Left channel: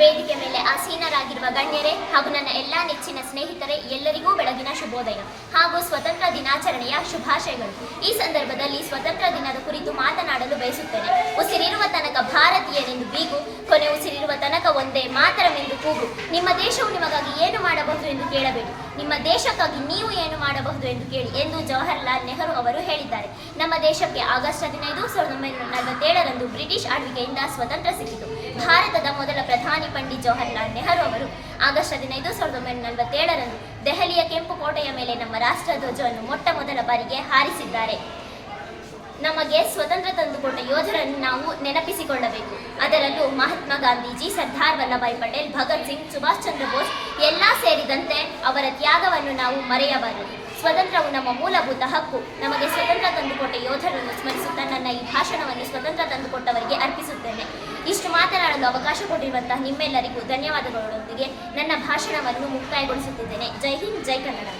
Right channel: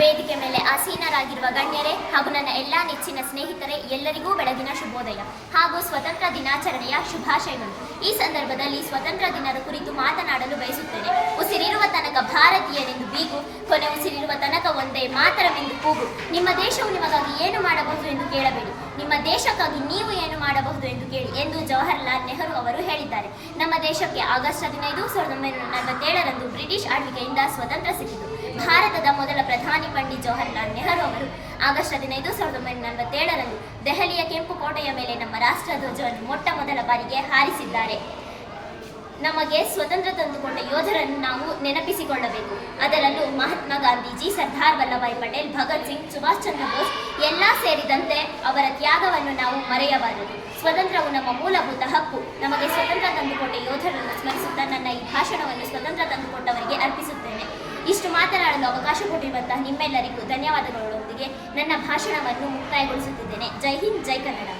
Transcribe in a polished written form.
ವೇದಿಕೆ ಮೇಲೆ ಆಸೀನರಾಗಿರುವ ಗಣ್ಯರೇ ಹಾಗೂ ನನ್ನ ಎಲ್ಲಾ ನೆಚ್ಚಿನ ಸ್ನೇಹಿತರೆ, ಎಲ್ಲರಿಗೂ ಬೆಳಗಿನ ಶುಭೋದಯ ಹಾಗೂ ಸ್ವತಂತ್ರ ದಿನಾಚರಣೆಯ ಶುಭಾಶಯಗಳು. ಈ ಸಂದರ್ಭದಲ್ಲಿ ಸ್ವತಂತ್ರ ದಿನದ ಕುರಿತು ಮಾತನಾಡಲು ಬಯಸುತ್ತೇನೆ. ಉಸಿರಿರುವ ತನಕ ಭಾರತೀಯರೆಂದು ಬೀಗು, ಕೊನೆ ಉಸಿರಿರುವ ತನಕ ಒಂದೇ ಮಾತರವೆಂದು ಕೂಗು. ನಿಮ್ಮ ದೇಶವು ನಿಮಗಾಗಿ ಏನು ಮಾಡಬಹುದು ಎಂದು ಕೇಳಬೇಡಿ, ನಿಮ್ಮ ದೇಶಕ್ಕಾಗಿ ನೀವು ಏನು ಮಾಡಬಹುದು ಎಂದು ಕೇಳಿ ಎಂದು ಜವಾಹರ್ಲಾಲ್ ನೆಹರು ಅವರು ಹೇಳಿದ್ದಾರೆ. ನಮ್ಮ ದೇಶಕ್ಕೆ ಆಗಸ್ಟ್ 15, 1947ರಂದು ಬ್ರಿಟಿಷ್ ಆಳ್ವಿಕೆಯಿಂದ ಸ್ವತಂತ್ರ ಸಿಕ್ಕಿತು. ಭಾರತದ ಮೊದಲ ಪ್ರಧಾನಿ ಪಂಡಿತ್ ಜವಾಹರ್ಲಾಲ್ ನೆಹರು ಅವರು ಆಗಸ್ಟ್ 15, 1947ರಂದು ದೆಹಲಿಯ ಕೆಂಪು ಕೋಟೆಯ ಮೇಲೆ ನಮ್ಮ ರಾಷ್ಟ್ರಧ್ವಜವನ್ನು ಮೊಟ್ಟ ಮೊದಲ ಬಾರಿಗೆ ಹಾರಿಸಿದ್ದಾರೆ. ನಮಗೆ ಸ್ವತಂತ್ರ ತಂದುಕೊಂಡ ಯೋಧರನ್ನು ನಾವು ನೆನಪಿಸಿಕೊಳ್ಳಬೇಕು. ಅದರಲ್ಲೂ ಮಹಾತ್ಮ ಗಾಂಧೀಜಿ, ಸರ್ದಾರ್ ವಲ್ಲಭಾಯ್ ಪಟೇಲ್, ಭಗತ್ ಸಿಂಗ್, ಸುಭಾಷ್ ಚಂದ್ರ ಬೋಸ್ ಎಲ್ಲ ಸೇರಿದಂತೆ ಅವರ ತ್ಯಾಗವನ್ನು ನಾವು ಮರೆಯಬಾರದು. ಸ್ವತಂತ್ರವು ನಮ್ಮ ಮೂಲಭೂತ ಹಕ್ಕು. ನಮಗೆ ಸ್ವತಂತ್ರ ತಂದುಕೊಟ್ಟ ಯೋಧರನ್ನು ಸ್ಮರಿಸುತ್ತಾ ನನ್ನ ಈ ಭಾಷಣವನ್ನು ಸ್ವತಂತ್ರ ತಂದುಕೊಟ್ಟವರಿಗೆ ಅರ್ಪಿಸುತ್ತೇನೆ. ಇಷ್ಟು ಮಾತನಾಡಲು ಅವಕಾಶ ಕೊಟ್ಟಿರುವಂತಹ ನಿಮ್ಮೆಲ್ಲರಿಗೂ ಧನ್ಯವಾದಗಳೊಂದಿಗೆ ನನ್ನ ಭಾಷಣವನ್ನು ಮುಕ್ತಾಯಗೊಳಿಸುತ್ತಿದ್ದೇನೆ. ಜೈ ಹಿಂದ್, ಜೈ ಕನ್ನಡ.